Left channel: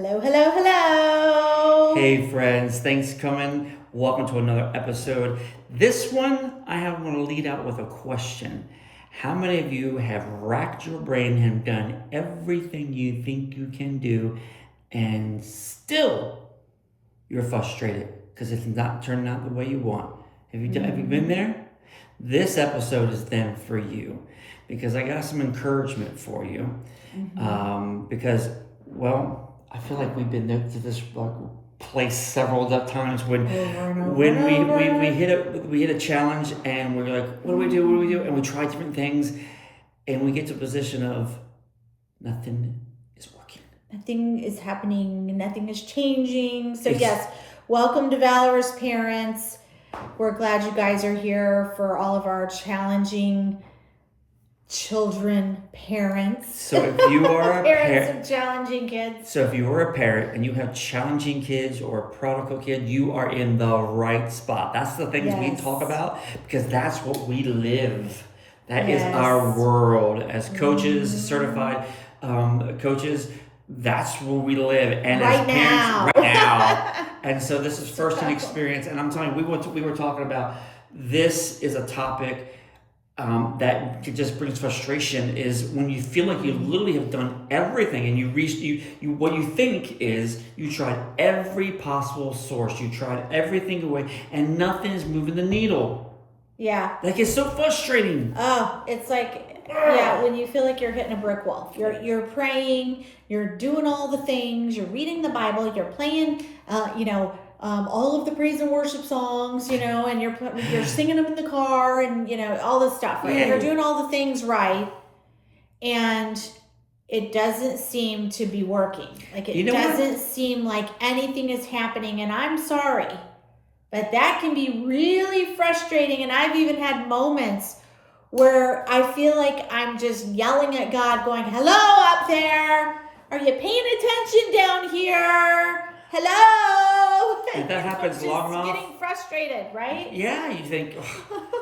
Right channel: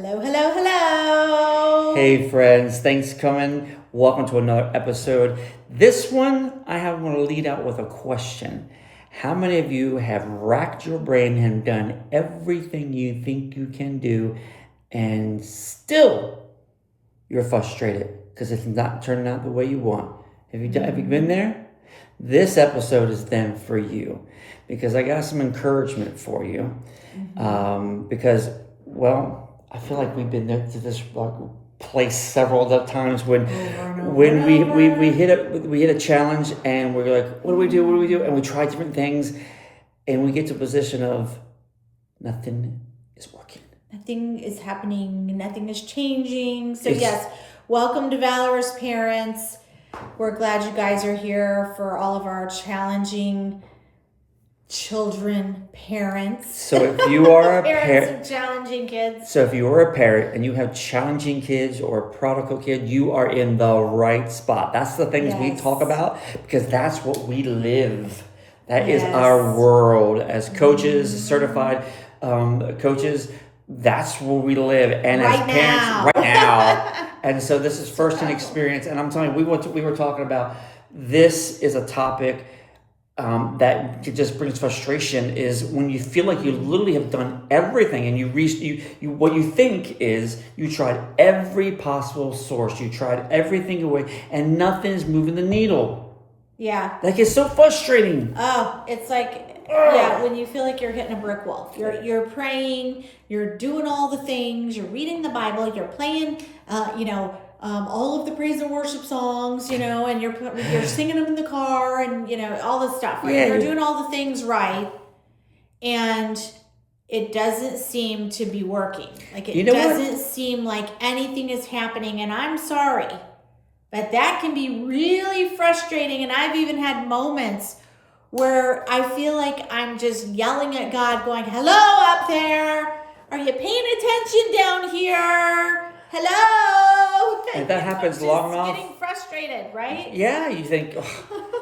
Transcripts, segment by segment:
Hello, hello, hello. Hey friends, thanks for coming. Welcome to another episode. This one, I want to lead out with a question. How many of you have racked your brain and done everything you think you can do and still you're frustrated because it's not turning out the way you want? Have you been there? This episode is then for you because I got some encouragement for you. Because, well, I feel like we've been to this place several times when we hit a challenge and we're like, what do we do? And we try different things and we get to a position of nothing is working. Nothing is happening. Nothing is changing. So yes, welcome to Valorous Parents. We're glad you guys are here for all of our challenging children, parents. So if you are a parents of challenging kids. So if you are a parent and you have challenging kids or a prodigal kid, you are in the right spot. That's the things we talk about because that's what we live. That is our world as coaches, certified coaches. That's where we live, and right as now, parents, right now. And so this is first-hand experience. And I'm telling you, we were talking about this is a topic that just brings frustration. Is when you feel like you literally have done everything, and you what you think is you tried every possible source, you tried everything away, and nothing's moving the needle. Yeah, like it's so frustrating. Oh, it's like. When you feel like you're hitting a brick wall. You're praying, you're doing all the things, you're reading the Bible, you're playing, all of the praise and worship songs, and you're singing them in the car, and all this stuff, right? You're doing all the things right, and it doesn't seem to be working. Like it doesn't seem like anything is happening, and I'm sorry, but that can be really frustrating. And I've even had moments where I feel like I'm just yelling at God going, hello up there. Are you paying attention down here? Hello. And that happens long enough. Getting frustrated, right? Yeah, you think,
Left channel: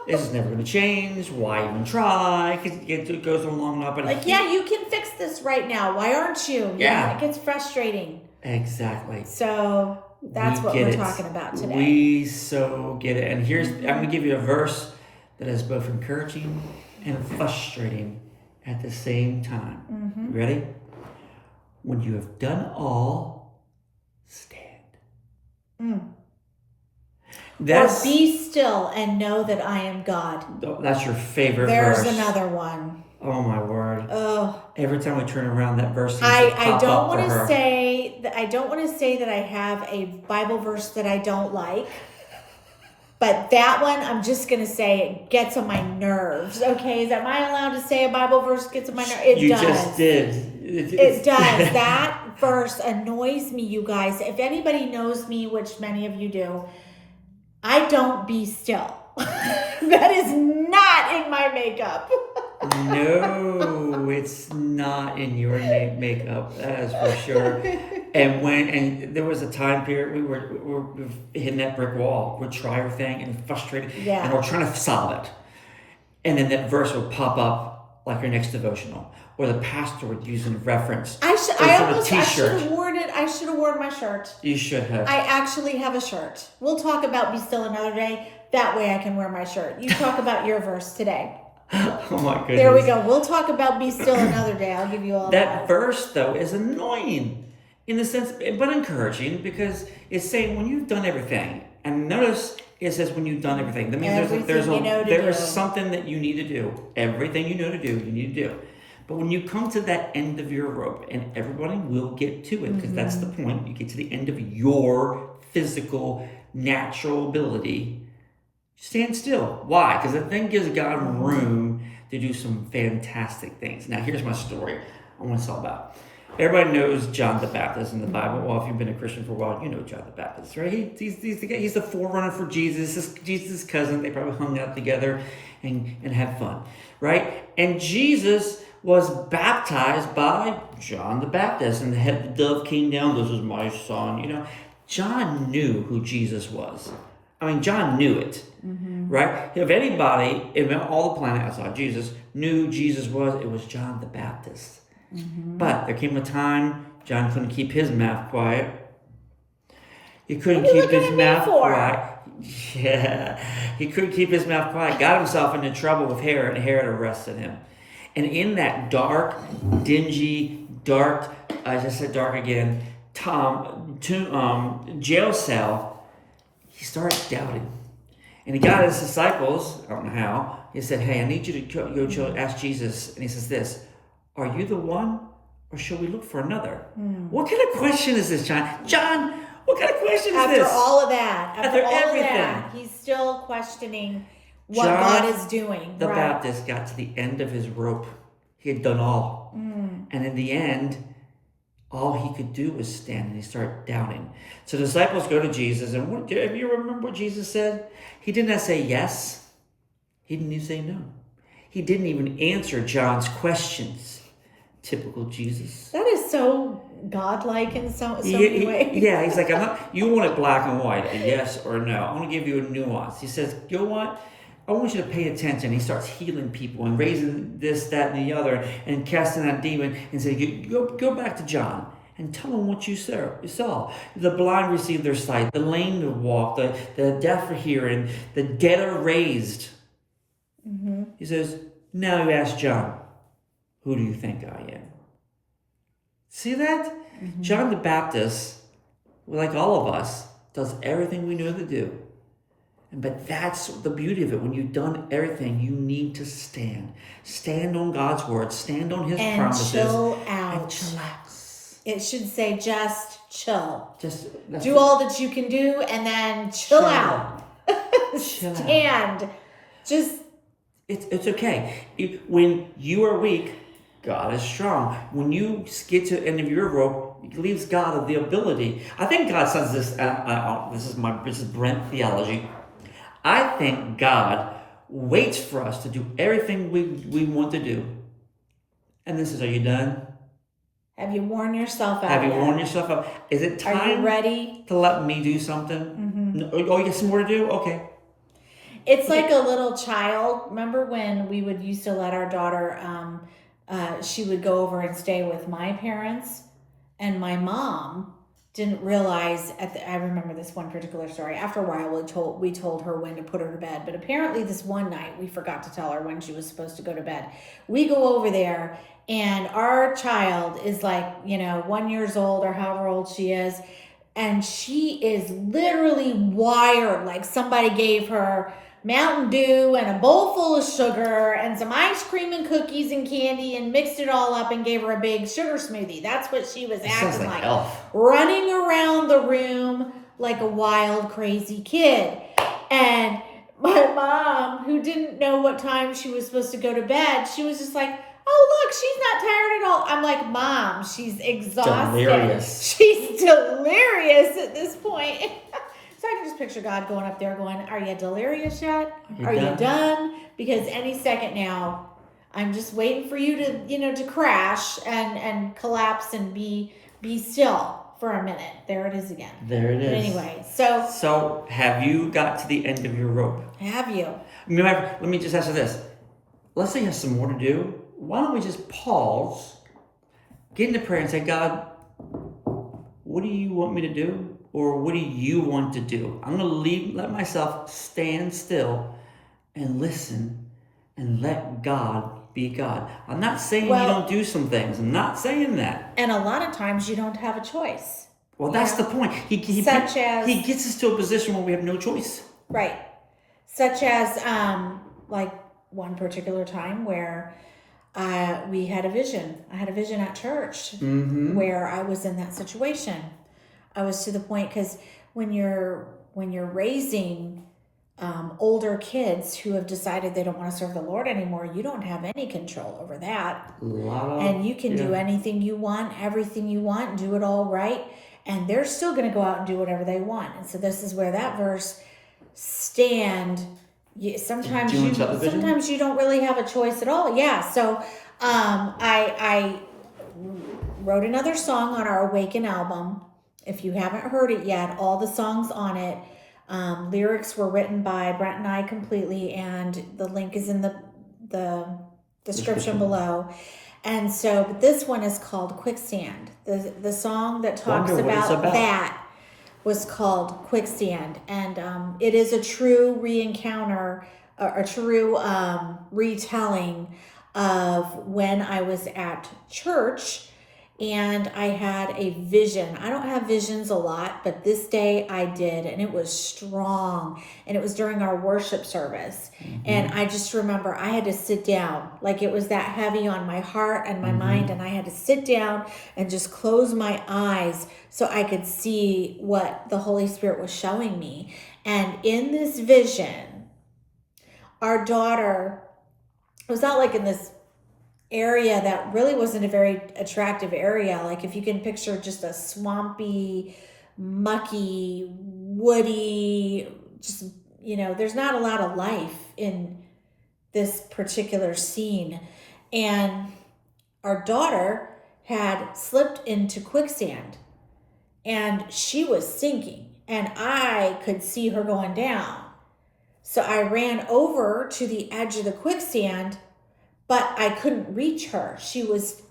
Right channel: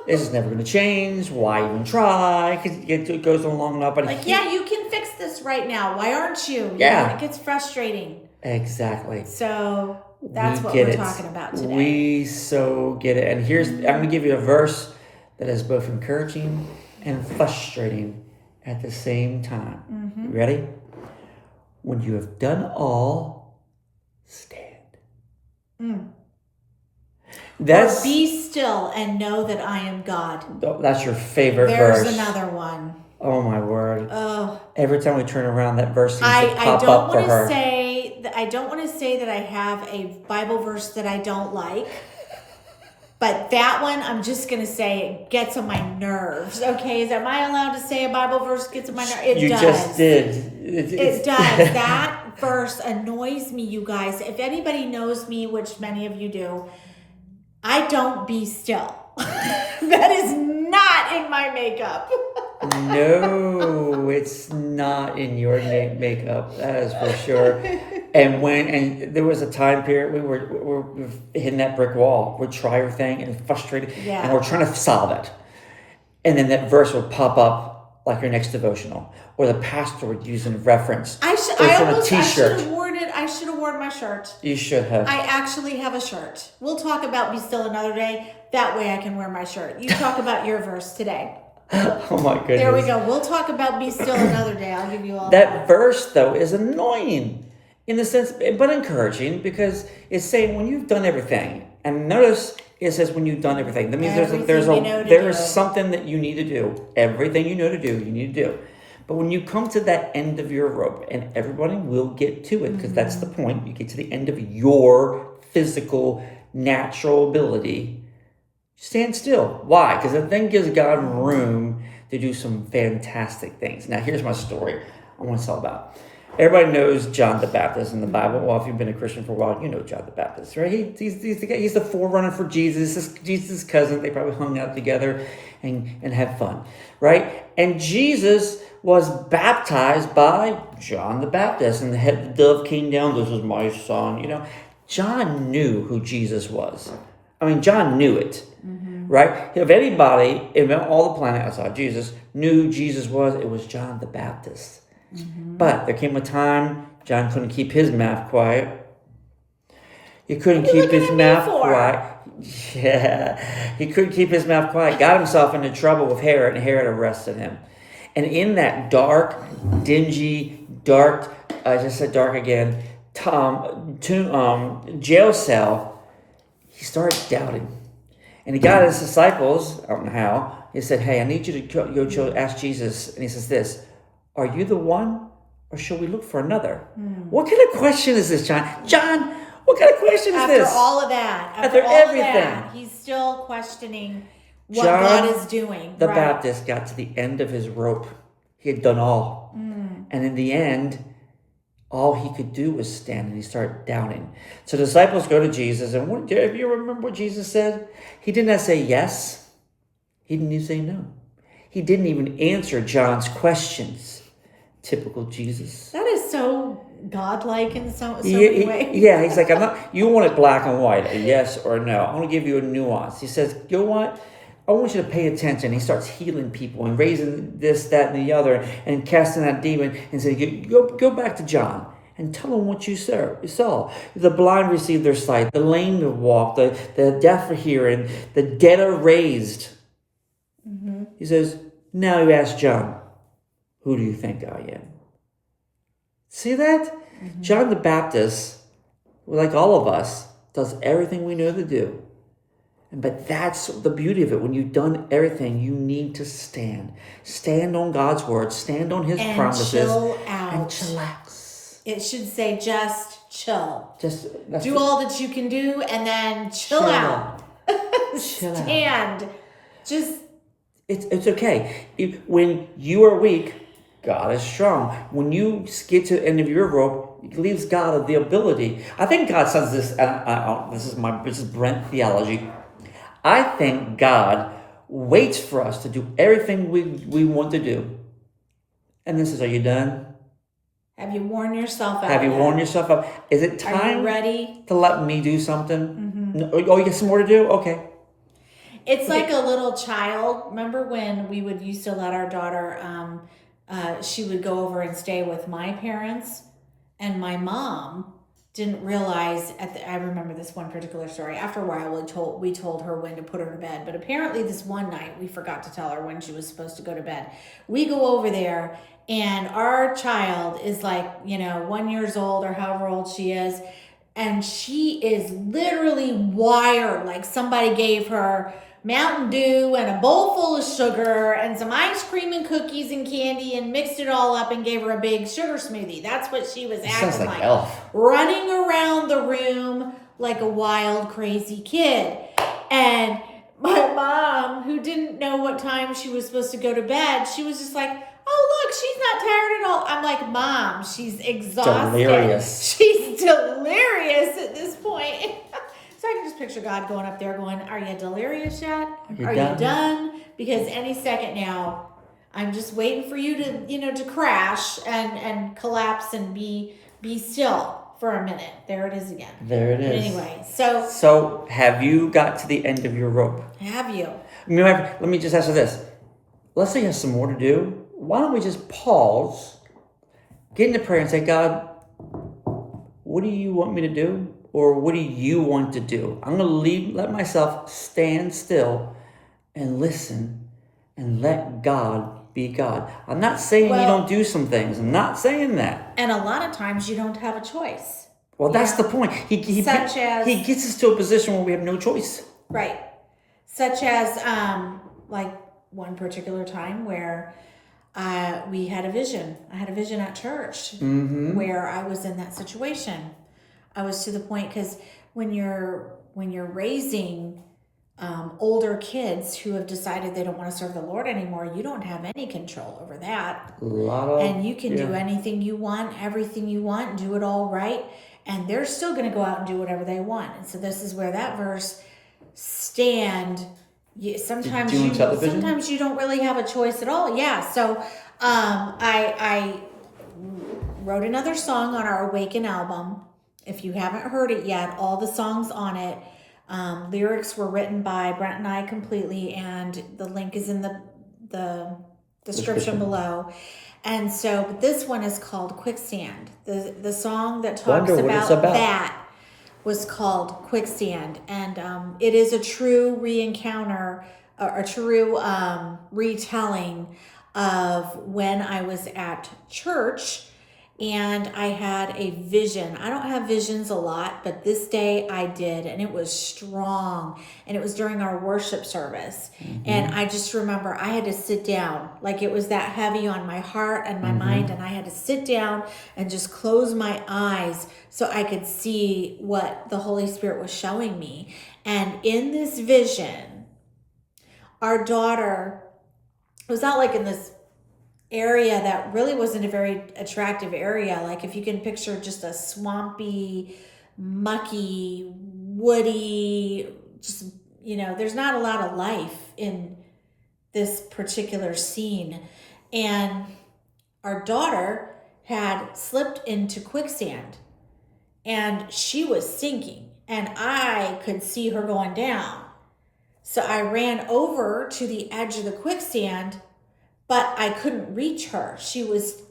this is never going to change. Why even try? Because it goes on long enough. But you can fix this right now. Why aren't you? Yeah. It gets frustrating. Exactly. So that's what we're talking about today. We so get it. And here's, I'm going to give you a verse that is both encouraging and frustrating at the same time. You ready? When you have done all, stand. Or be still and know that I am God. That's your favorite verse. There's another one. Oh my word. Oh. Every time we turn around, that verse seems to I pop don't up want for her. I don't want to say that I have a Bible verse that I don't like. But that one, I'm just going to say it gets on my nerves. Okay, am I allowed to say a Bible verse gets on my nerves? It does. You just did. It does. That verse annoys me, you guys. If anybody knows me, which many of you do, I don't be still. That is not in my makeup. No, it's not in your makeup. That is for sure. And there was a time period we were hitting that brick wall. We'd try everything and frustrated, and we're trying to solve it. And then that verse would pop up like your next devotional, or the pastor would use in reference. I should have worn it. I should have worn my shirt. You should have. I actually have a shirt. We'll talk about be still another day. That way I can wear my shirt. You talk about your verse today. Oh my goodness. There we go. We'll talk about be still another day. I'll give you all that verse though is annoying in the sense, but encouraging, because it's saying when you've done everything. And notice it says when you've done everything. That means there is something that you need to do. Everything you know to do, you need to do. But when you come to that end of your rope, and everybody will get to it, because that's the point. You get to the end of your physical, natural ability. Stand still. Why? Because the thing gives God room to do some fantastic things. Now, here's my story I want to talk about. Everybody knows John the Baptist in the Bible. Well, if you've been a Christian for a while, you know John the Baptist, right? He's the forerunner for Jesus. Jesus' cousin. They probably hung out together and had fun, right? And Jesus was baptized by John the Baptist, and the dove came down. This is my son. John knew who Jesus was. I mean, John knew it, right? If anybody, in all the planet outside Jesus, knew who Jesus was, it was John the Baptist. But there came a time John couldn't keep his mouth quiet. He couldn't What are you keep looking his at me mouth for? quiet. Yeah, he couldn't keep his mouth quiet. Got himself into trouble with Herod, and Herod arrested him. And in that dark, dingy, dark, I just said dark again, jail cell, he started doubting. And he got his disciples, I don't know how, he said, hey, I need you to go ask Jesus. And he says this, are you the one, or shall we look for another? What kind of question is this, John? John, what kind of question is this? After all of that, After all everything. of that, he's still questioning what John God is doing. The right. Baptist got to the end of his rope. He had done all. And in the end, all he could do was stand, and he started doubting. So the disciples go to Jesus, and if you remember what Jesus said? He did not say yes. He didn't even say no. He didn't even answer John's questions. Typical Jesus. That is so godlike in so many ways. Yeah, he's like, you want it black and white, a yes or a no. I want to give you a nuance. He says, you know what? I want you to pay attention. He starts healing people and raising this, that, and the other, and casting out demon, and saying, go back to John and tell him what you saw. The blind received their sight, the lame to walk, the deaf are hearing, the dead are raised. He says, now you ask John, who do you think I am? See that? John the Baptist, like all of us, does everything we know to do. But that's the beauty of it. When you've done everything, you need to stand. Stand on God's word. Stand on His promises. Chill out. And chillax. It should say just chill. Do all that you can do, and then chill out. Stand. Just. It's okay. When you are weak, God is strong. When you get to the end of your rope, it leaves God the ability. I think God says this. This is Brent theology. I think God waits for us to do everything we want to do. And this is, are you done? Have you worn yourself out? Have you worn yourself out? Is it time? Are you ready to let me do something? Oh, you got some more to do? Okay. It's like a little child. Remember when we used to let our daughter, she would go over and stay with my parents, and my mom didn't realize I remember this one particular story. After a while, we told her when to put her to bed, but apparently this one night we forgot to tell her when she was supposed to go to bed. We go over there, and our child is like, 1 year old or however old she is, and she is literally wired like somebody gave her Mountain Dew and a bowl full of sugar and some ice cream and cookies and candy and mixed it all up and gave her a big sugar smoothie. That's what she was acting like. Running around the room like a wild, crazy kid. And my mom, who didn't know what time she was supposed to go to bed, she was just like, oh, look, she's not tired at all. I'm like, Mom, she's exhausted. Delirious. She's delirious at this point. So I can just picture God going up there going, are you delirious yet? Are you done? Because any second now, I'm just waiting for you to, to crash and collapse and be still for a minute. There it is again. There it is. But anyway, so. So have you got to the end of your rope? Have you? Let me just ask you this. Let's say you have some more to do. Why don't we just pause, get into prayer and say, God, what do you want me to do? Or what do you want to do? I'm going to let myself stand still and listen and let God be God. I'm not saying you don't do some things. I'm not saying that. And a lot of times you don't have a choice. Well, that's the point. He gets us to a position where we have no choice. Right. Such as like one particular time where we had a vision. I had a vision at church where I was in that situation. I was to the point, because when you're raising older kids who have decided they don't want to serve the Lord anymore, you don't have any control over that. And you can do anything you want, everything you want, and do it all right. And they're still going to go out and do whatever they want. And so this is where that verse, stand. Sometimes you don't really have a choice at all. Yeah. So I wrote another song on our Awaken album. If you haven't heard it yet, all the songs on it, lyrics were written by Brent and I completely, and the link is in the description below. And so, but this one is called Quicksand. The song that talks Wonder what it's about about. that was called Quicksand. And it is a true re-encounter, a true retelling of when I was at church and I had a vision. I don't have visions a lot, but this day I did, and it was strong. And it was during our worship service. Mm-hmm. And I just remember I had to sit down, like it was that heavy on my heart and my mind, and I had to sit down and just close my eyes so I could see what the Holy Spirit was showing me. And in this vision, our daughter, it was not like in this area that really wasn't a very attractive area. Like if you can picture just a swampy, mucky, woody, just, there's not a lot of life in this particular scene. And our daughter had slipped into quicksand and she was sinking and I could see her going down. So I ran over to the edge of the quicksand, but I couldn't reach her. She was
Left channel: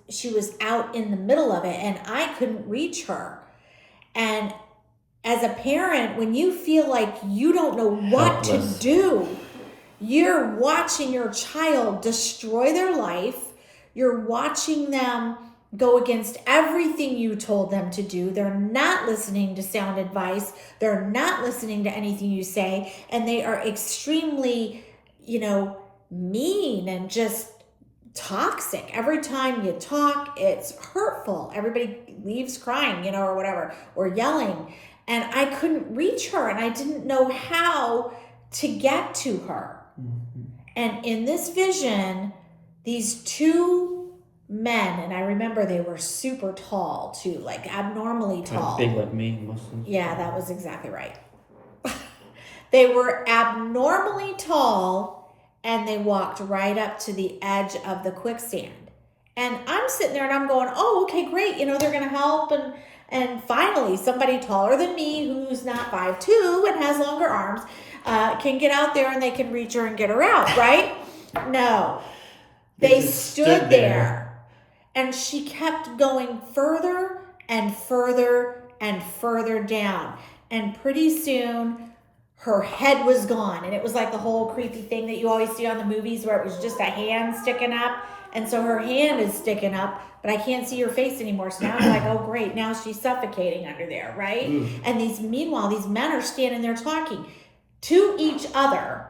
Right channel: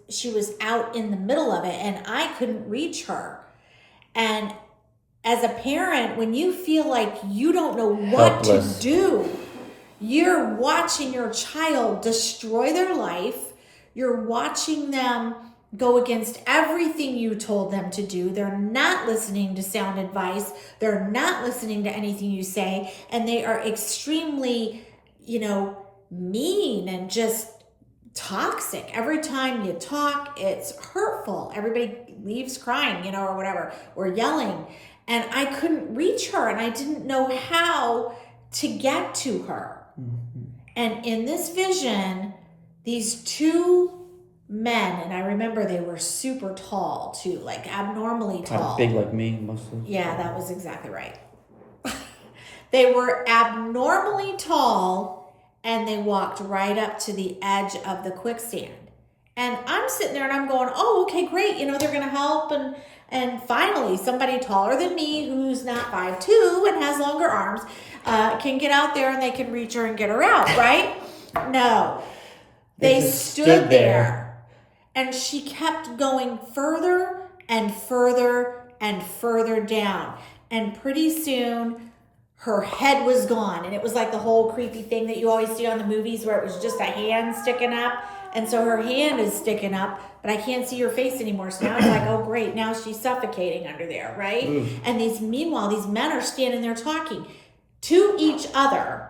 out in the middle of it and I couldn't reach her. And as a parent, when you feel like you don't know what Helpless. to do, you're watching your child destroy their life. You're watching them go against everything you told them to do. They're not listening to sound advice. They're not listening to anything you say. And they are extremely, mean and just toxic. Every time you talk, it's hurtful. Everybody leaves crying, or whatever, or yelling. And I couldn't reach her and I didn't know how to get to her. Mm-hmm. And in this vision, these two men, and I remember they were super tall too, like abnormally tall. Big like me, mostly. Yeah, that was exactly right. They were abnormally tall. And they walked right up to the edge of the quicksand. And I'm sitting there and I'm going, oh, okay, great. They're going to help. And finally, somebody taller than me who's not 5'2" and has longer arms can get out there and they can reach her and get her out, right? No. They stood there. And she kept going further and further and further down. And pretty soon, her head was gone. And it was like the whole creepy thing that you always see on the movies where it was just a hand sticking up. And so her hand is sticking up, but I can't see her face anymore. So now it's like, oh, great. Now she's suffocating under there, right? And meanwhile, these men are standing there talking to each other,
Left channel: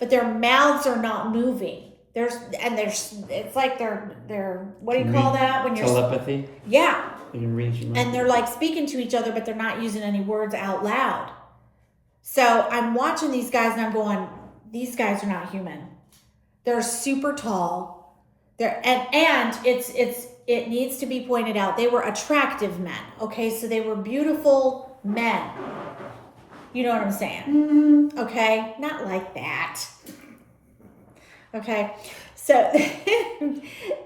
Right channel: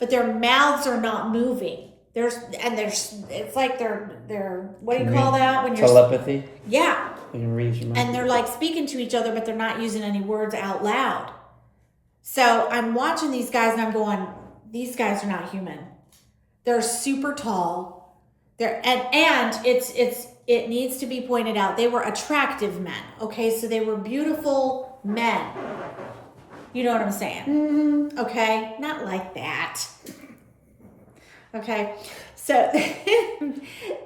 but their mouths are not moving. It's like they're what do you call that? When you're telepathy? Yeah. You can read your mind. And they're like speaking to each other, but they're not using any words out loud. So I'm watching these guys and I'm going, these guys are not human. They're super tall. And it needs to be pointed out, they were attractive men. Okay, so they were beautiful men. You know what I'm saying? Mm-hmm. Okay, not like that. Okay, so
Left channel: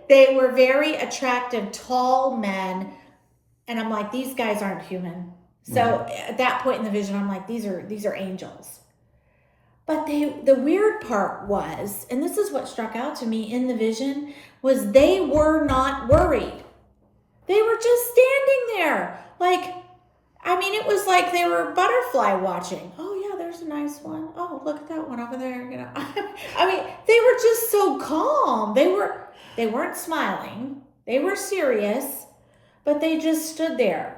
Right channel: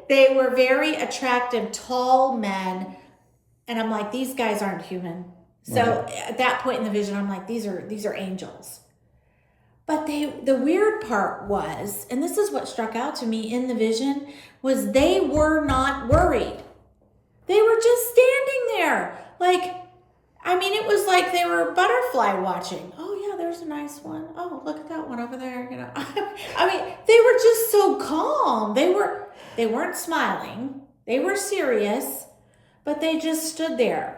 they were very attractive, tall men. And I'm like, these guys aren't human. So at that point in the vision, I'm like, these are angels. But the weird part was, and this is what struck out to me in the vision, was they were not worried. They were just standing there. Like, it was like they were butterfly watching. Oh yeah, there's a nice one. Oh, look at that one over there. They were just so calm. They weren't smiling. They were serious, but they just stood there.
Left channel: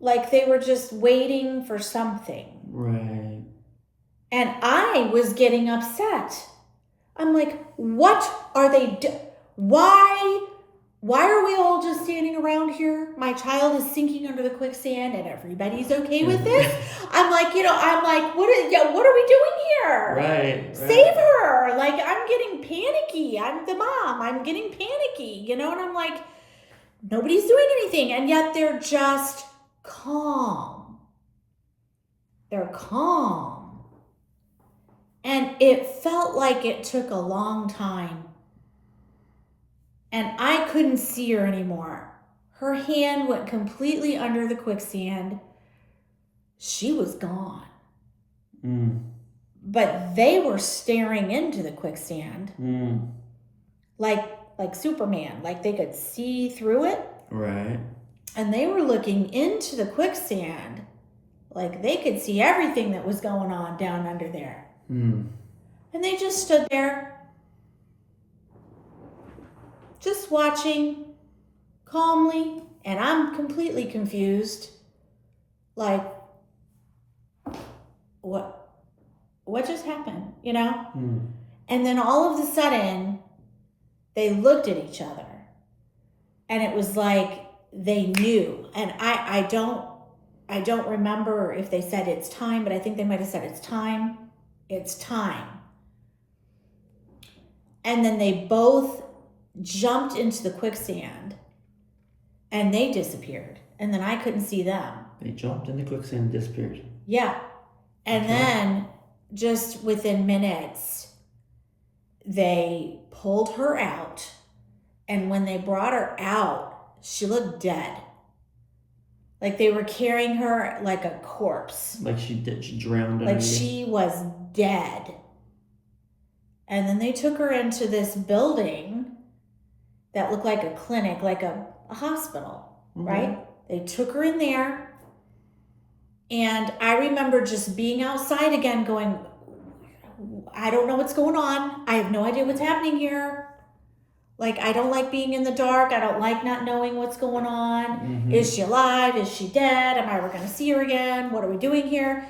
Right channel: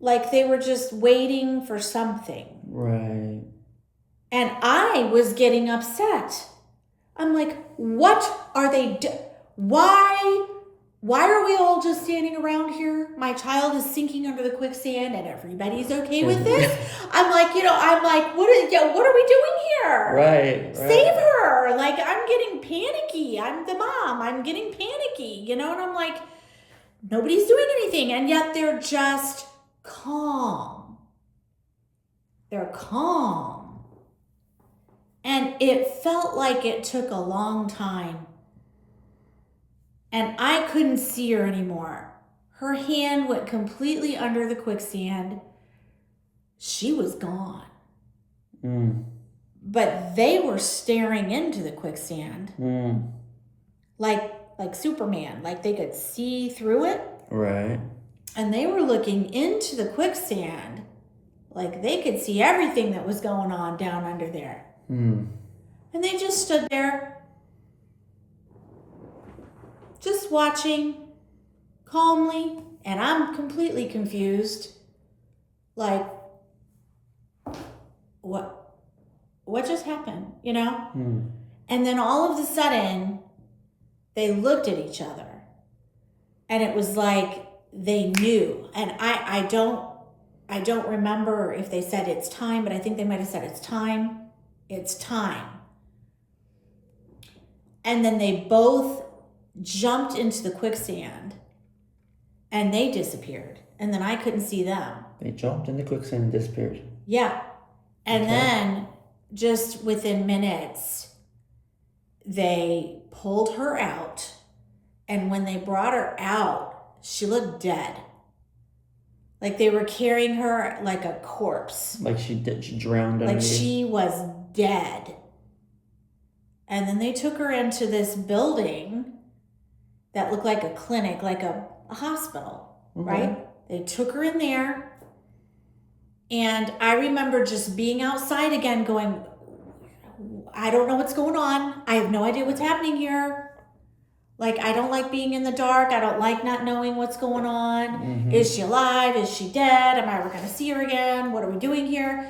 Like they were just waiting for something. Right. And I was getting upset. I'm like, what are they Why are we all just standing around here? My child is sinking under the quicksand and everybody's okay with this? I'm like, what are we doing here? Right. Save her. Like, I'm getting panicky. I'm the mom. I'm getting panicky, and I'm like, nobody's doing anything. And yet they're just calm. They're calm. And it felt like it took a long time. And I couldn't see her anymore. Her hand went completely under the quicksand. She was gone. But they were staring into the quicksand. Like like Superman, like they could see through it. Right. And they were looking into the quicksand, like they could see everything that was going on down under there. And they just stood there, just watching calmly, and I'm completely confused. Like, what just happened, you know? And then all of a sudden, they looked at each other, and it was like they knew. And I don't remember if they said it's time, but I think they might have said it's time. It's time. And then they both jumped into the quicksand, and they disappeared. And then I couldn't see them. They jumped in the quicksand and disappeared. Yeah. And then just within minutes, they pulled her out. And when they brought her out, she looked dead. Like they were carrying her like a corpse. Like she drowned. Like she was dead. And then they took her into this building that looked like a clinic, like a hospital, right? They took her in there. And I remember just being outside again going, I don't know what's going on. I have no idea what's happening here. Like, I don't like being in the dark. I don't like not knowing what's going on. Is she alive? Is she dead? Am I ever going to see her again? What are we doing here?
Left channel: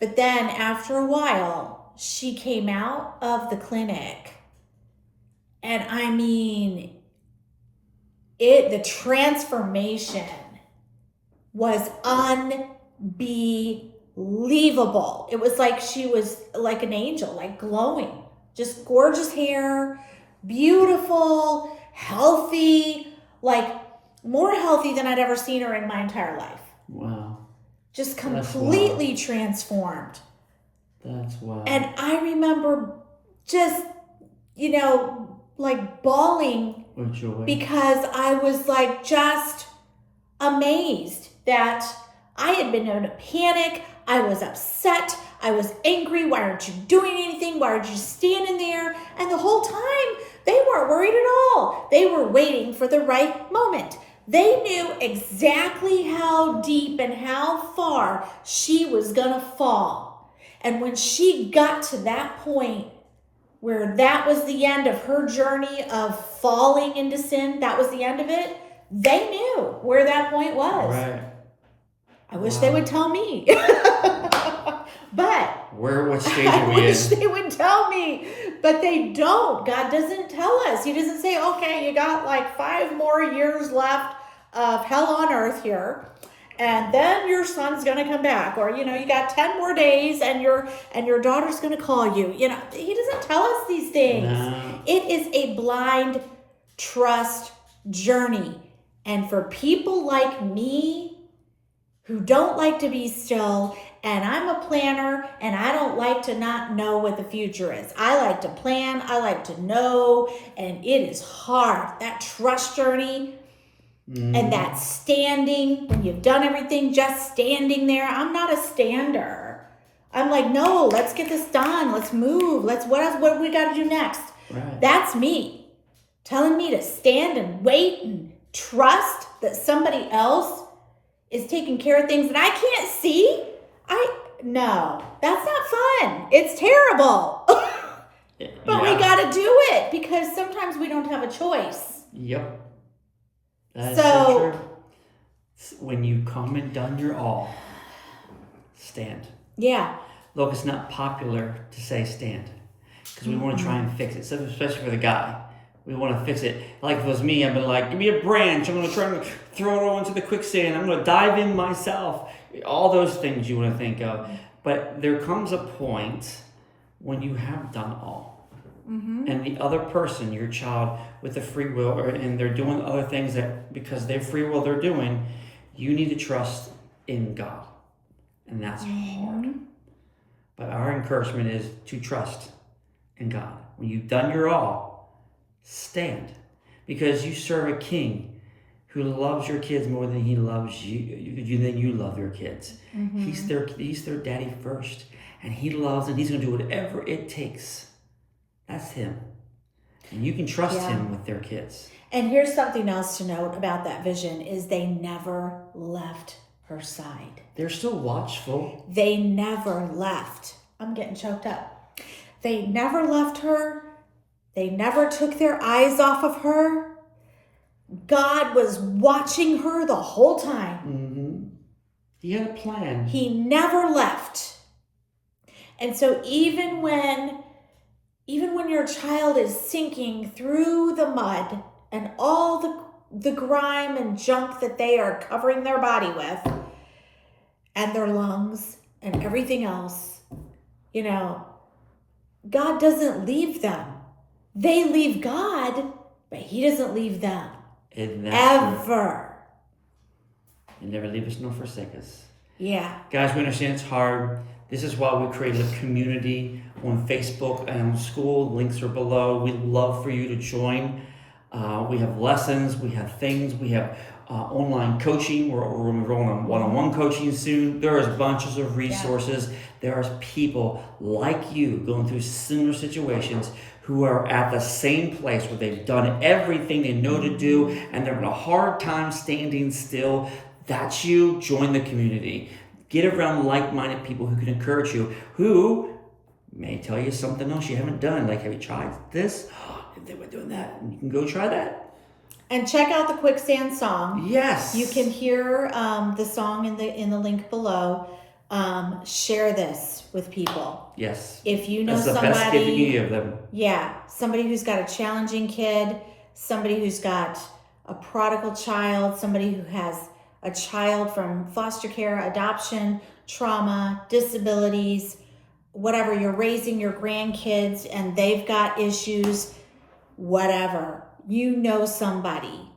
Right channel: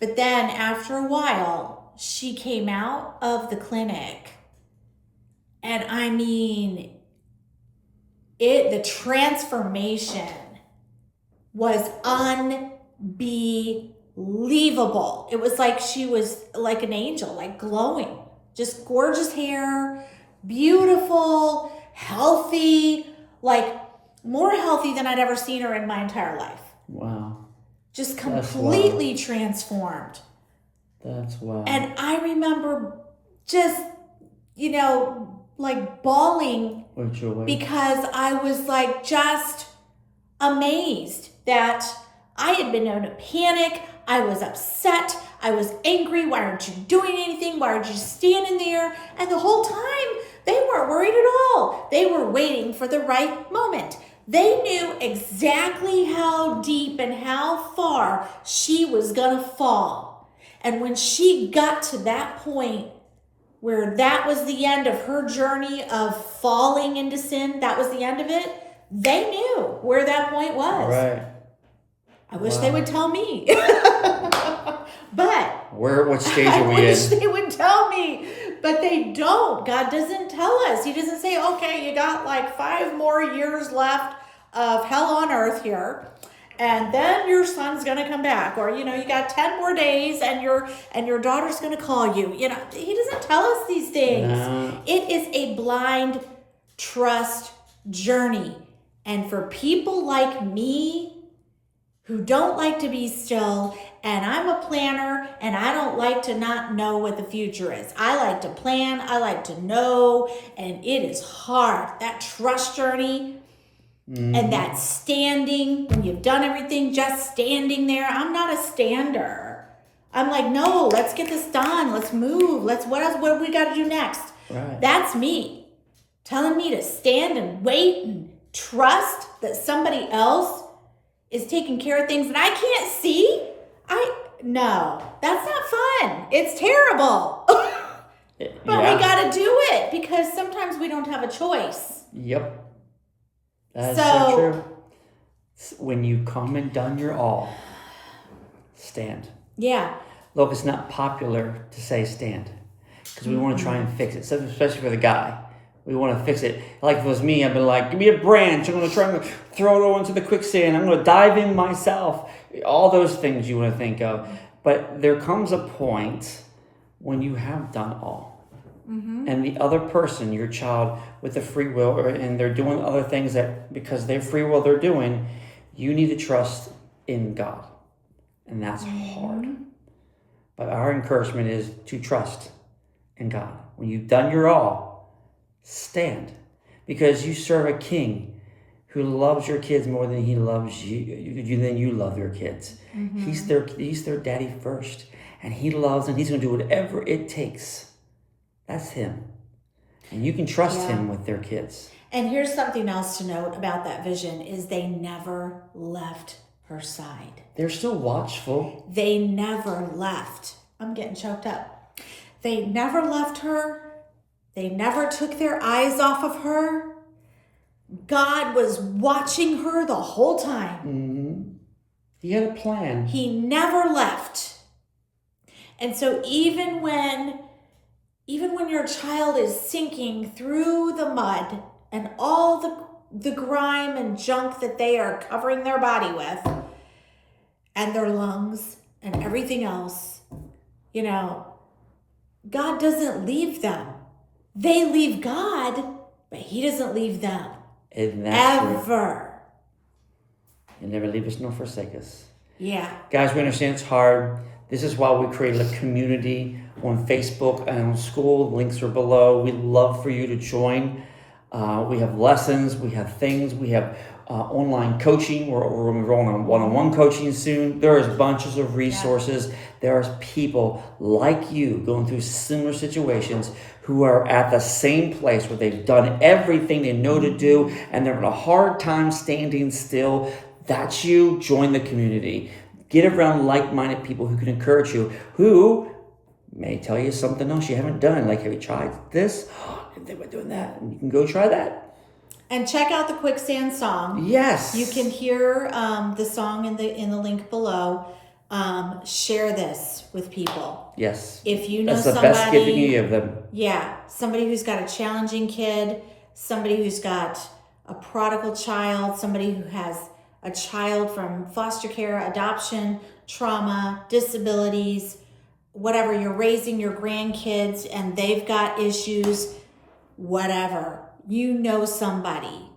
But then after a while, she came out of the clinic. And I mean, the transformation was unbelievable. It was like she was like an angel, like glowing, just gorgeous hair, beautiful, healthy, like more healthy than I'd ever seen her in my entire life. Wow. Just completely transformed. That's wild. And I remember just, like bawling because I was like just amazed that I had been in a panic. I was upset. I was angry. Why aren't you doing anything? Why aren't you standing there? And the whole time, they weren't worried at all. They were waiting for the right moment. They knew exactly how deep and how far she was going to fall. And when she got to that point where that was the end of her journey of falling into sin, that was the end of it, they knew where that point was. Right. I wish they would tell me. But what stage are I we wish in? they would tell me. But they don't. God doesn't tell us. He doesn't say, okay, you got like 5 more years left of hell on earth here, and then your son's gonna come back, or you got 10 more days and your daughter's gonna call you. He doesn't tell us these things. No. It is a blind trust journey. And for people like me who don't like to be still, and I'm a planner, and I don't like to not know what the future is. I like to plan, I like to know, and it is hard. That trust journey and that standing, when you've done everything, just standing there. I'm not a stander. I'm like, no, let's get this done. Let's move. What do we got to do next? Right. That's me telling me to stand and wait and trust that somebody else is taking care of things that I can't see. No, that's not fun. It's terrible. But we got to do it because sometimes we don't have a choice. Yep. That is so true. When you come and done your all, stand. Yeah. Look, it's not popular to say stand because we want to try and fix it, especially for the guy. We want to fix it. Like if it was me, I'd be like, give me a branch. I'm going to try and throw it over into the quicksand. I'm going to dive in myself. All those things you want to think of. But there comes a point when you have done all. And the other person, your child with the free will, and they're doing other things that because they're free will they're doing, you need to trust in God. And that's hard. But our encouragement is to trust in God. When you've done your all, stand. Because you serve a king who loves your kids more than he loves than you love your kids. He's their daddy first. And he loves and he's going to do whatever it takes. That's him. And you can trust Yeah. him with their kids. And here's something else to note about that vision is they never left her side. They're still watchful. They never left. I'm getting choked up. They never left her. They never took their eyes off of her. God was watching her the whole time. Mm-hmm. He had a plan. He never left. And so even when your child is sinking through the mud and all the grime and junk that they are covering their body with and their lungs and everything else, you know, God doesn't leave them. They leave God, but he doesn't leave them. Ever. He never leave us nor forsake us. Yeah. Guys, we understand it's hard. This is why we created a community on Facebook and on school. Links are below. We'd love for you to join. We have lessons. We have things. We have online coaching. We're going to be going on one-on-one coaching soon. There is bunches of resources. Yeah. There's people like you going through similar situations who are at the same place where they've done everything they know to do and they're having a hard time standing still. That's you. Join the community. Get around like-minded people who can encourage you, who may tell you something else you haven't done. Like, have you tried this? Oh, they were doing that. And you can go try that. And check out the Quicksand song. Yes. You can hear the song in the link below. Share this with people. Yes. If you know That's the somebody, best gift you can give them. Yeah, somebody who's got a challenging kid, somebody who's got a prodigal child, somebody who has a child from foster care, adoption, trauma, disabilities, whatever, you're raising your grandkids and they've got issues, whatever. You know somebody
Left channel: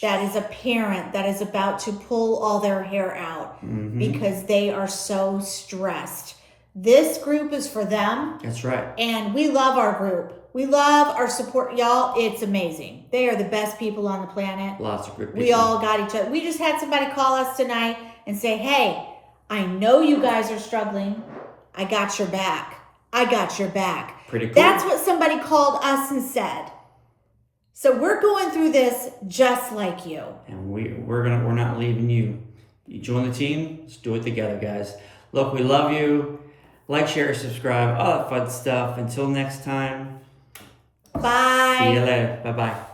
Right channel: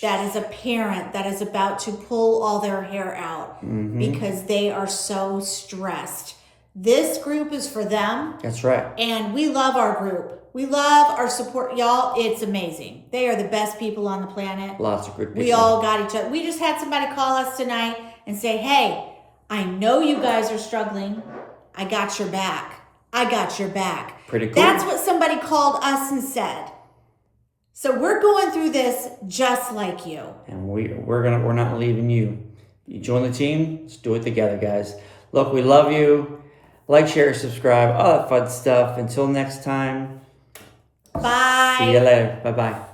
that is a parent that is about to pull all their hair out because they are so stressed. This group is for them. That's right. And we love our group. We love our support. Y'all, it's amazing. They are the best people on the planet. Lots of good people. We all got each other. We just had somebody call us tonight and say, hey, I know you guys are struggling. I got your back. I got your back. Pretty cool. That's what somebody called us and said. So we're going through this just like you. And we're not leaving you. You join the team. Let's do it together, guys. Look, we love you. Like, share, subscribe, all that fun stuff. Until next time. Bye. See you later. Bye-bye.